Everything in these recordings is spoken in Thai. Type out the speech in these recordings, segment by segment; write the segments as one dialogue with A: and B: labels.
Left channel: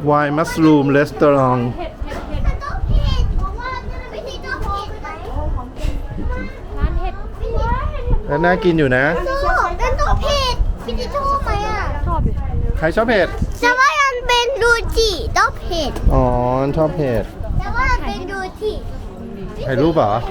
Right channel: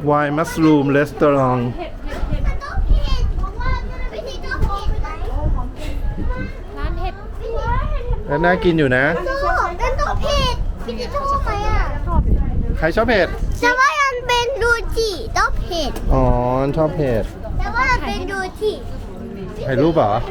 A: Why Mushroom Restaurant แล้วน่ากินอยู่นะ
B: เป็นตัวเผ็ดพี่จะชอบไหมอ่ะ
A: ใครชอบเผ็ด
B: แต่ว่ามันเป็นรูจิต้องเผ็ด
A: อ๋อ ชอบเผ็ด
B: แต่ว่ามันเป็นรูจิ
A: ถ่ายรูปเหรอ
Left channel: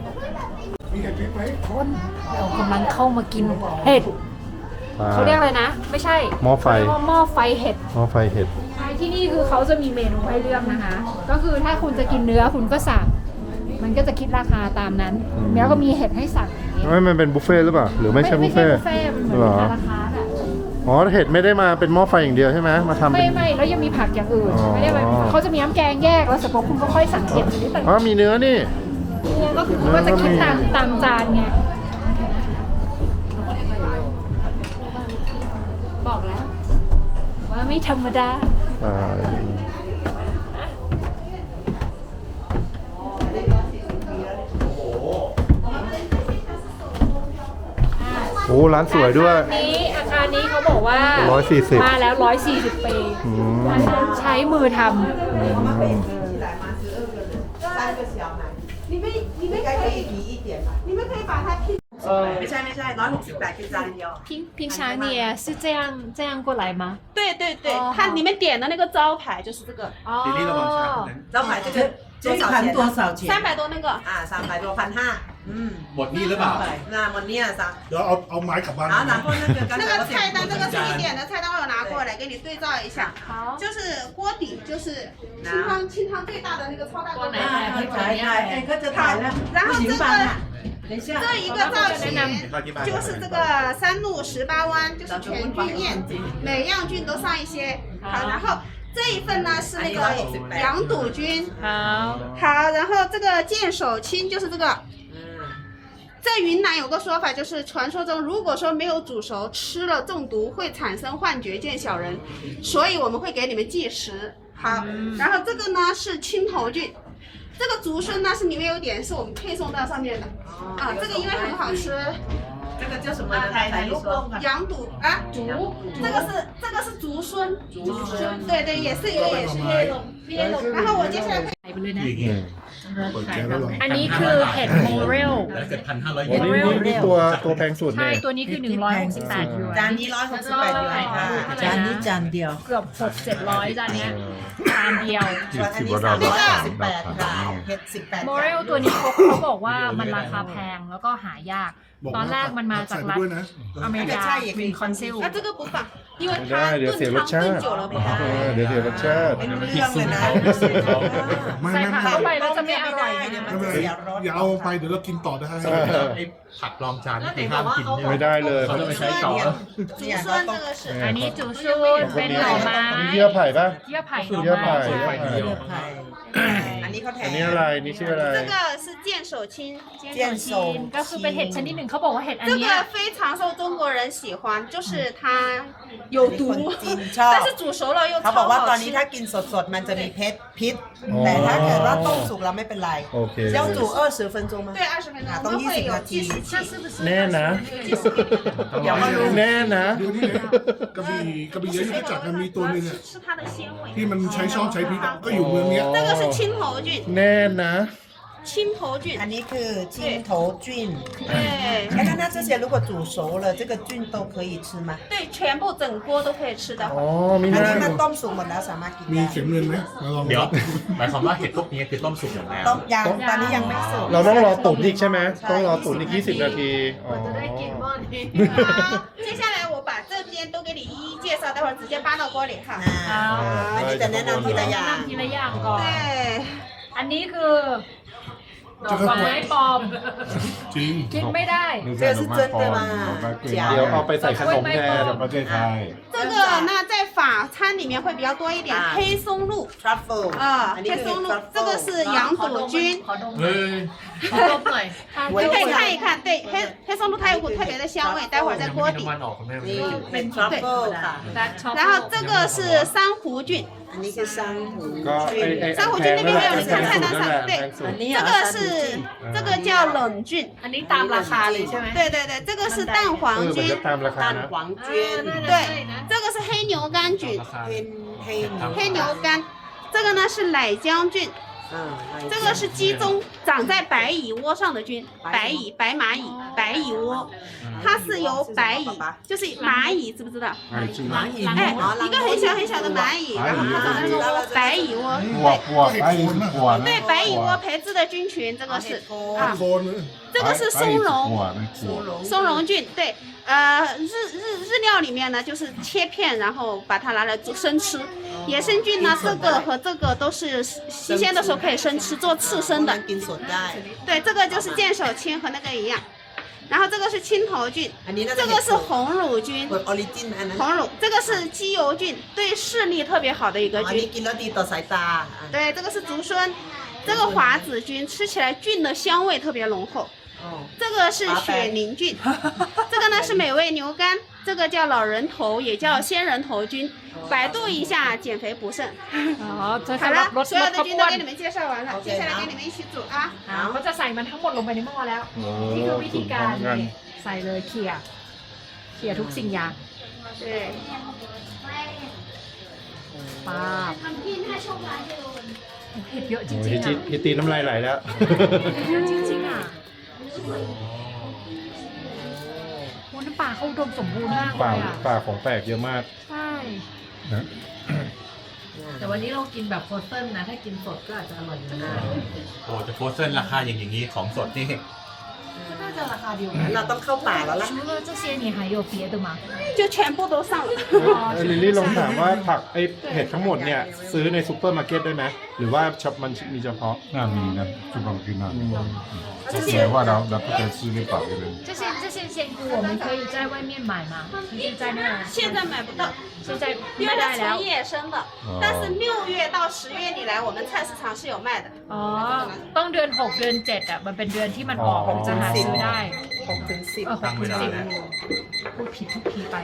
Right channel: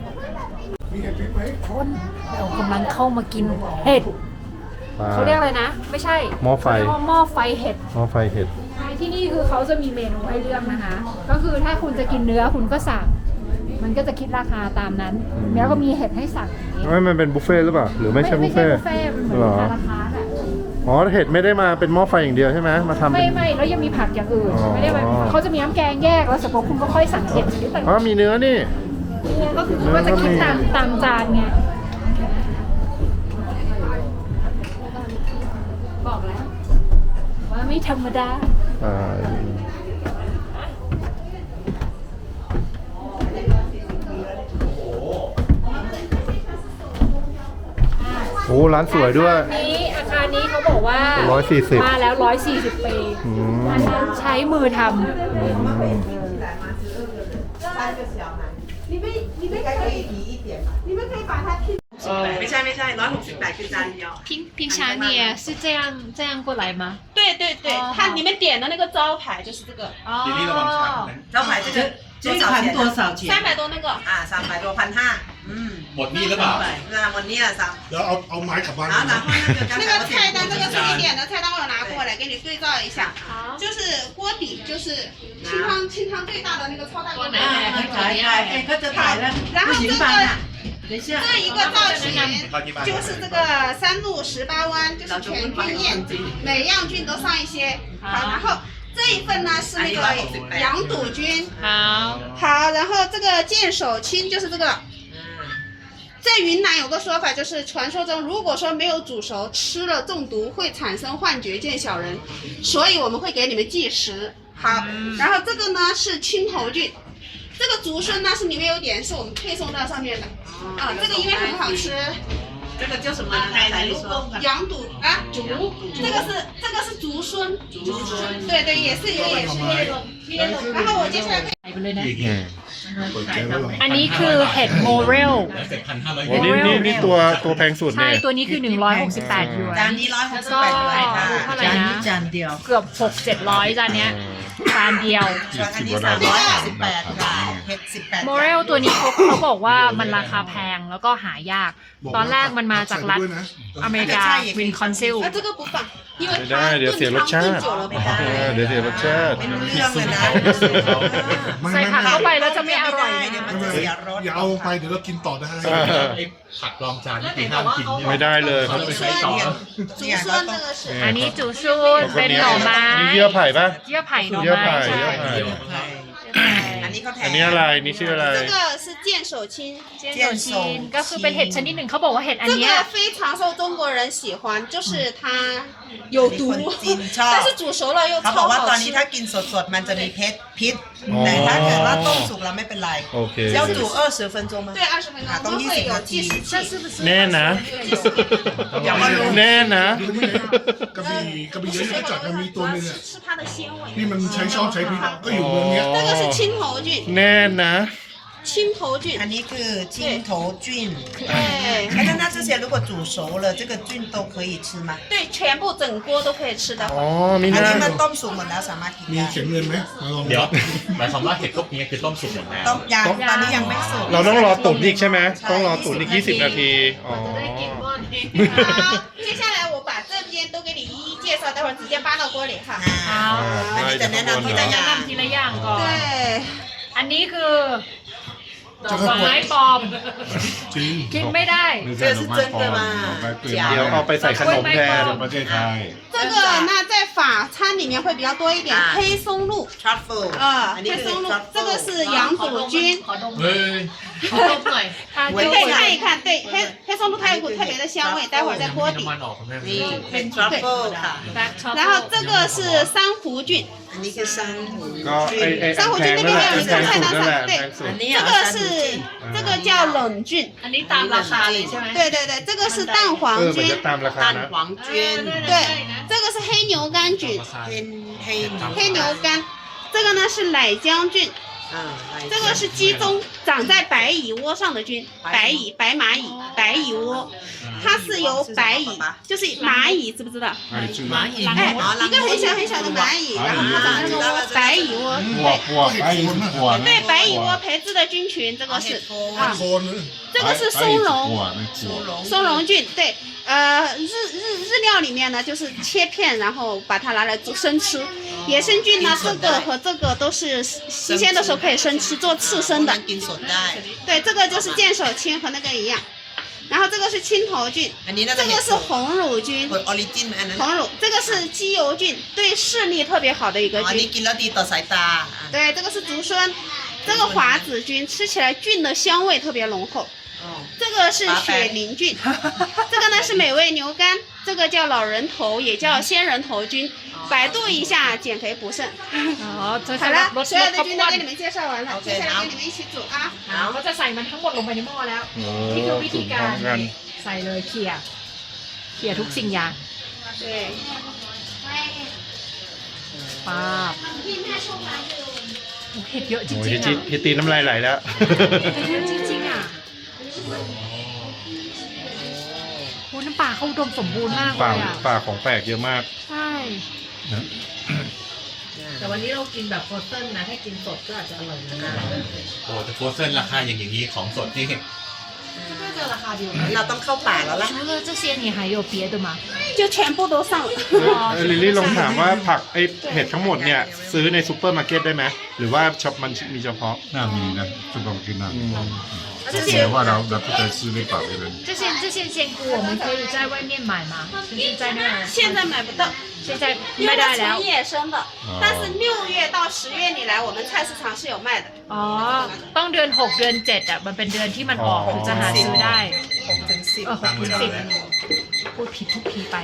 C: คนเรากำลังเข้ามากินเห็ดเขาเรียกอะไรนะ ไม่ใช่
A: หม้อไฟ
C: เรียกว่าหม้อไฟเห็ด
A: หม้อไฟเห็ด
C: ที่นี่คือเขาจะมีเมนูให้เลือกนะคะ ก็คือถ้าคุณจะกินเนื้อคุณก็สั่งมันก็จะคิดราคาตามนั้นแล้วก็มีเห็ดให้สั่ง
A: ไม่มันเป็นบุฟเฟ่ต์หรือเปล่า หรือไม่ใช่บุฟเฟ่ต์
C: มันเหมือน
A: หรอ
C: ราคาแบบ
A: อ๋อ เห็ดไม่ได้มาเป็นหม้อไฟอย่างเดียวใช่ไหมมาทำเป็น
C: ไม่แล้วยังมีผักอย่างอื่น
A: อ๋อ
C: ไม่ได้แบบเขาจะมีน้ำแกงแยกแล้วเสร็จปุ๊บคุณก็ค่อยสั่งเห็ดชนิดต่าง
A: อ๋อ มีเนื้อนี่
C: ๆเนี่ยก็คือเขาก็จะคิดตามจานไงบอกแล้วว่าไม่ธรรมดา
A: โอ้ ร้านสวยด้วย
C: อาคารนี้เขาบอกว่า
A: 140
C: มาแล้ว 140 ปี
A: อืม
C: ใช้มือท
A: อืม
D: ไม่ใช่168คือจานเดียว
C: 平常你也是这样过来吗？
D: 对对对，它你们点的那个招牌就是这个，
C: 哦，
D: 招牌这个
E: 盘多少钱
D: 300多那个啊，300多1,500，
E: หมดนี่หรือเปล่า
D: 那我捏了3。
E: เดี๋ยวเอาไม้กลับบ้าน
D: 然后那个菜单，这个是你点的菜单，我有拿过来给你对照一下。好，就是锅底，就是清汤最大的那个超大锅底。
E: ก็จะถ่ายแล้ว
D: 然后这个
E: 等一下
D: 这一个造型就是这个3路18弯，就是全菌宴，每样菌都上一些。好，然后这一份呢是那个羊肚菌。
C: 好，
D: 好，然后这个剑手青就是这个。在云南有个说法，就是传说中，如果说没有煮熟，吃了中毒会产生幻觉见小人，所以我们会给你们计时。好，然后这个呢是青头菌，这个竹荪呢是里面有点是我们配送到上面的，啊，这个因为很好吃。
E: 这个叫什么
D: 羊肚啊，这个是竹荪，对对，也是那种。然后我接下来。
C: อันนี้คือเห็ดโมเรล
A: โอ้นี่ตัวแพงสุด
C: ใช่
A: เนี่ย
C: ตัวนี้คือ168หยวน
D: จานนี้168อยู่ค่ะ
C: จานนี้
E: จานเดียว
C: เกือบ600-700จานเนี้ยจานเดียว
D: ส่วนอันนี้368ค่ะเห็ด18
C: โมเรลตัวนี้เขาบอกว่ามันราคาแพงแล้วก็หายาก ตอนแรกมันมาจากรัฐอเมริกาวินคอนซิล
D: 啊，这个不放，因为
A: ไม่ได้เดี๋ยวเสียรสชาติ เดี๋ยวเสียรสชาติ
D: ไม่รู้เรื่องเลยนะ
C: ใส่ผักเข้าไปแล้วจะไม่อร่อย
D: เดี๋ยวมันจะเสียรส
E: อย่าเอาไปเดี๋ยวเรากินต่อได้
F: ผักรองจานที่ห้ามกิน
A: ไม่ได้เลย
F: เขาไม่ใช้ต่อ
D: 竹荪这个是
C: อันนี้จูซูนเป็นหน่อไม้
A: นี่เยื่อไผ่ปะ
C: เยื่อไผ่หน่อ
A: เยื่อไผ่
C: ไม้
A: เยื่อไผ่
D: อันนี้เขาแถม
A: อันนี้อะไร นี่ชื่ออะไร
D: 这个是剑手青，
C: เจนโซชินก็คือเป็นเห็ดชนิดหนึ่งเขาบอกว่าเห็ดอัน
D: 这
C: เนี้ย
D: 个非常受中国人喜欢，就是它有毒，但是煮熟了又
G: เขา
D: 超
G: บอกว่าตอ
D: 好
G: นนี้
D: 吃
G: ถ้า。กินสดๆ มันจะมีพิษ
A: อ๋อ
G: แต่ถ้าเกิดว่าต้มสุกแล้วไม่เป็นไร
A: โอเค
G: 要煮20分钟吗
D: 对，20分钟，我
G: ต้อง
D: 们会
G: 20
D: 有
G: นาที
D: 计时器。
A: แน่นะ แน่นะ
E: กระบี่เยอะที่จัดมันมีตัวนึงอ่ะ
D: 是它的纤维。
E: ที่มันใช้ชอบใช้พิษก็อยู่เมืองเนี้ย
D: 这个是青头菌，
A: แน่นะ
D: 青头菌
G: อั。นนี้คือจิ้งโถจุ้น
D: 对
G: 那这些如果煮熟了这个菌都可以吃吗
D: 对，全部整锅都可以吃的。
A: อ๋อ มี
G: อัน
A: หน้า
G: นี้มันต้มสุกหมดแล้วสามารถกิน
E: มี
G: ได้
E: เข็มเงินไหมมาลอง
F: เดี๋ยวหมายความว่าเห็ดพวกนี้คือต้มสุกหมดแล้ว
G: ต้มยังตอนนี้ยังไม่สุก
A: เราต้องรอตุ๋นอีกใช่ไหม ต้องรอตุ๋นอีก20 นาที อ๋อ
D: 好，接下来我把这边都给你一一介绍，待会儿直接搬到锅里哈。
G: อันนี้จะแนะนำทีละอย่าง
C: ทีละอย่างก่อน
D: 对，
C: อันนี้คือดอกไม้ปลอม
E: จริง
C: กินไม่ได้
G: 这是真的吗
A: เดี๋ยวเอาไปใส่ขนมแทน
F: ประเทศไทย
D: 这个那在法餐里面会比较多一点，黑松露
G: ทรัฟเฟิล
D: 啊，
G: อันนี้
D: 黑
G: คือ
D: 松露
G: ทรัฟ，เฟิ
D: 这
G: ล
D: 个是羊肚菌。
C: ขอดม
F: เฮ้ย
C: ขอดมหน่อย
D: 你可以看一看，对，黑松露它有股特别的香味，待会儿在锅底。
G: นี่เป็นทรัฟเฟิลค่ะ
D: 然后这个是珊瑚菌，
G: อันนี้คือซันหู
A: ก็ไอ้ไอ้
D: 珊瑚菌那边还有一个菜单上，对，
G: อันนี้
D: 这个是这个叫冷菌，
C: อันนี้ตามราคาเลยใช่ไหม
D: 对对对，这个是蛋黄
A: เหมือน
D: 菌
A: จะ，ตามราคา
G: ตัน
A: นะ
G: หวังจุ้น
D: 对，这个是黑牛肝菌，
G: เป็น
D: 黑牛肝，这个呢是奶浆菌，这个是鸡中长在白蚁窝上的菌，白蚁、白蚂蚁、白蚁窝，它是由白蚁，就是蚂蚁，知不知道？
E: 哎，这个
D: 哎，一个很小很小的蚂蚁，然后它长在那个窝，白蚁窝。
E: 白蚁是果呢，
D: 对，白蚁窝培植的菌群，这个是啊，
E: 果呢，
D: 这个是松茸，
E: 果。
D: 松茸菌，对，日料里面呢就是切片，然后把它拿来做生吃。野生菌呢，这个和这个都是新鲜的时候可以生吃，做刺身的。对，这个就是剑手青和那个一样。然后这个是青头菌，这个是红乳菌，红乳，这个是鸡油菌，对视力特别好的一个菌。对，这个是竹荪，这个华子菌吃起来菌的香味特别浓厚。这个是雪凝菌，这个呢是美味牛肝，这个叫老人头，也叫仙人头菌，百度一下减肥补肾。
C: อ๋อจะ
D: 好
C: สำหรับ
D: 了，
C: ลด
D: 所
C: ล
D: 有
C: ด
D: 的
C: ความ
D: 菌
C: อ้
D: 都
C: วน
D: 给你们介绍完了，接下来跟你们一起煮啊。
C: เขาจะใส่มันทั้งหมดลงไปในหม้อแล้ว
A: โอ้
C: นี่คือวิ
A: สู
C: ธี
A: ตรพ
C: กา
A: ร้อ
C: ร
A: มกัน
C: ใส่เลยเขี่ยทุกสิ่งอย่าง
D: 对，
C: ป้าเผ็ดเยอะจริง
A: โอ้ย
C: ๆ
A: ฮิตตีน้ำลายไหลแล้ว
C: จริงๆอ่ะโอ้น้ำปลาเขาอุดมสมบูรณ์มากเล
A: ป่าย
C: อ่ะ
A: ป่าของแปลกเยอะมาก
C: ใช่
A: นะ
H: แต่วันนี้เรากินแบบโฟรเซนนะ ถ้ากินสดก็อาจจะอร่อยนะ
F: โอ้แต่โฟร์เซนราคาอย่างนี้ของสดนี่
C: น่าจะราคาเดียวกัน
G: เราต้องเข้าป่าแล้วล่ะ
C: 除了这些你还有别的吗
D: 就全部都上了。
A: ลิลลี่ลองถามว่าผักไอเห็ดทั้งหมดเนี่ยซื้อในซูเปอร์มาร์เก็ตได้ไหมหรือว่าช็อปมันมีเฉพาะ
E: น่ามีนะจุกกินน่า
A: อืม
E: แต่ว่าเรา不在市内ป่าไปเลย
C: 这些鲜菇我们可以在外面买吗就是在那
D: 现在买不到，
C: 现在
D: 因为它
C: ไม่ได้แล้ว
D: 纯野生的，但是6月到10月里来，我们菜市场是有卖的。
C: อ๋อ ต้องเดือน 6 เดือน 7อ่ะ มันเป็นเดือนที่มันออกถึงจะหาซื้อได้
G: 6 ถึง 10
C: 6 ถึง 10พูดผิดทุกทีไป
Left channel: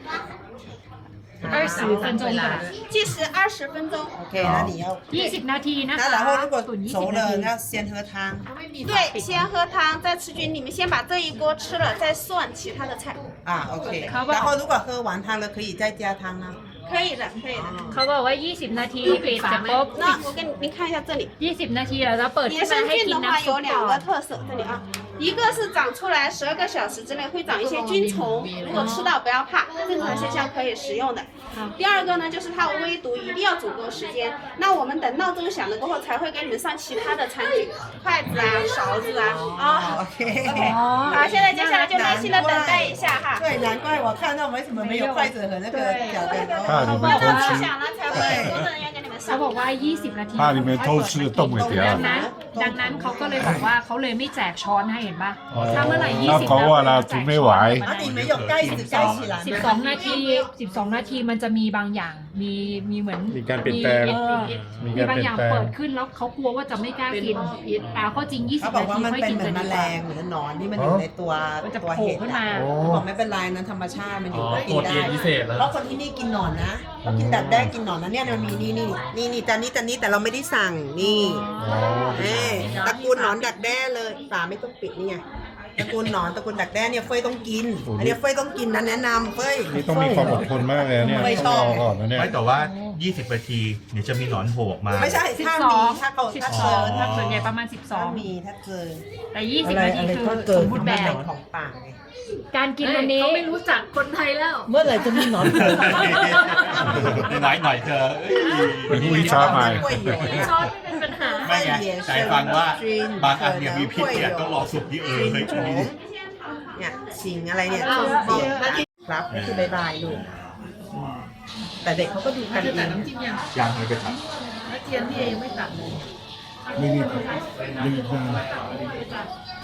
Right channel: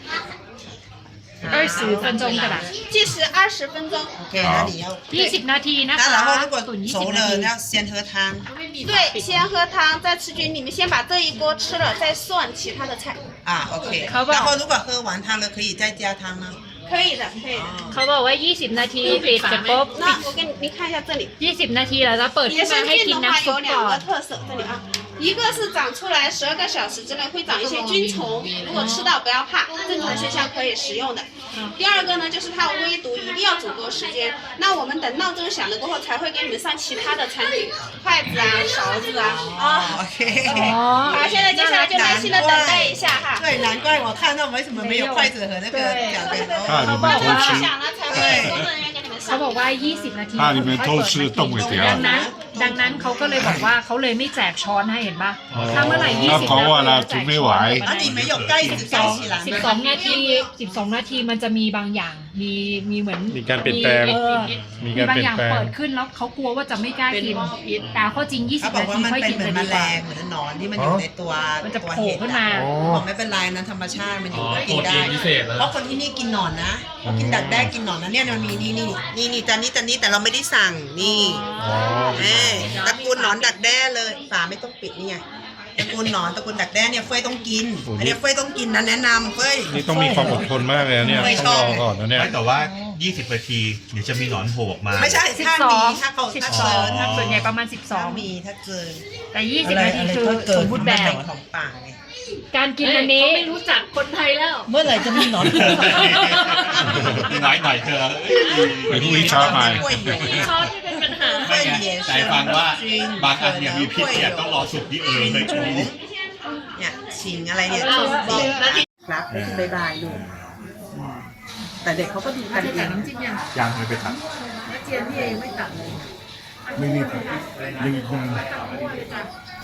C: 20分钟กัน
D: 计时20分钟。
G: โอเคนะเดี๋ยว
C: 20 นาทีนะคะ
G: 那然后如果
C: ตุ๋น
G: 熟
C: 20 นา
G: 了
C: ที
G: 要先喝汤
D: 对，先喝汤，再吃菌。你们先把这一锅吃了，再算其他的菜。
G: โอเค然后如果喝完汤了可以再加汤吗
D: 可以的，可以的。
C: เขาบอกว่า 20 นาทีปิดเสร็จปุ๊บ
D: 那我跟你看一下这里，
C: 20 นาทีแล้วจะเปิด
D: 野
C: ขึ้นมา
D: 生
C: ให้
D: 菌
C: กิน
D: 的话
C: น้ำซุ
D: 有
C: ปก่
D: 2
C: อ
D: 个
C: น
D: 特色，这里啊，一个是长出来12个小时之内会长一些菌虫，如果吃到不要怕，正常现象可以食用的。第二个呢，就是它有微毒，一定要煮够时间。那我们等闹钟响了过后，才会给你们上其他的餐具，筷子啊、勺子啊。啊
G: โอเค
D: 好，现在接下来就耐心的等待一下哈。
G: 对难怪我看到为什么没有筷子和那个脚跟
E: 怕你们偷吃
D: 响了才会工作人员给你们
C: เขา
D: 上。
C: บอกว่า 20 นาที
E: 怕你们偷吃冻给点
C: ดังนั้นเขาก็เลยบอกว่าเขาเลยไม่แจกช้อนให้เห็นปะ
A: อ๋อ
C: ถ้าเมื่อไหร่20
E: 那搞完了准备完
G: 那你没有盖子盖起来
C: 12 นาที 12 นาทีมันจะมีบางอย่าง มีเหมือน
A: มีการเปลี่ยนแปลง มี
C: มี
A: การ
C: บาง
A: เปลี่
C: อย
A: น
C: ย่าง
A: แปลง
C: เปิดขึ้นแล้วเขากลัวว่าจะไม่กล้ากินแต่ข้อจริง
G: เขา
C: 20
G: บอก
C: นา
G: ว่า
C: ที
G: มัน
C: ค่อย
G: เป็น
C: กิน
G: เหมือ
C: จะ
G: นแม
C: ดีก
G: ล
C: ว่า
G: งเหมือนหนอนที่มันอยู่ในตัว
C: มันจะ
G: ตัว
C: โผล่
G: เห็ด
C: ขึ้นมา
A: อ๋อ
G: บอกไม่เป็นไรนะธรรมชาติมันอยู่ก็กิ
F: โปร
G: นได้
F: ตีนพิเศษแล้ว
G: เพราะคนที่นี่กินหนอนนะเขากินดักแด้กินหนอนนะเนี่ยมันมีนี่จานนี้แต่เราไม่ได้สั่งนี่
A: อ๋อ
G: ตระกูลหนอนดักแด้เลยฝาไม่ต้องปิดนี่ไงตระกูลหนอนตระกูลดักแด้เนี่ยเฟยต้องกินอันนี้เฟยต้องกินนะแนะนำเฟย
A: นี่ต้องมีความอดทนมากเลยนะเนี่ย
G: ไม่
A: ต้
G: ช
A: อง
G: อบ
A: รอก่อนนะเนี่ย
F: ไม่แต่ว่า 20 นาทีเดี๋ยวจะมีหนอนโผล่ออกมา
G: ไม่ใช่ถ้ามีถ้าเขาถ้าเจอ
C: 12
G: ถ้า
C: ส่วนใหญ่ประมาณ
G: ถ้ามีถ้าเจอ
C: 12 แต่ 20 นาทีคือสมบูรณ์แบบ
G: ของป่าไง
C: การกินอันนี้
H: เขาไม่รู้จักคนไทยแล้ว
G: เมื่อไหร่จะมีหนอน
F: น้อยหน่อยเธอ
E: เป็นผู้วิชาใหม่
H: ช้อนไม่เป็นปัญหา
F: ไม่ไงใจฟังว่าบางอันเนี่ยมีพิษเนี่ยต้องรอสุกที่เฮ้ย
G: เนี่ยชิงอะไรเนี่ย
H: อ้าวบอกนาที
G: ครับนี่คือบายบายลูกแต่เด็กเขาก็ดูกันเอง
C: จริงๆอย่าง
F: ยังไม่ไปท
H: เจียนพี่เองไม่ตัดเลย
E: ไม่นี่ครับไม่นาน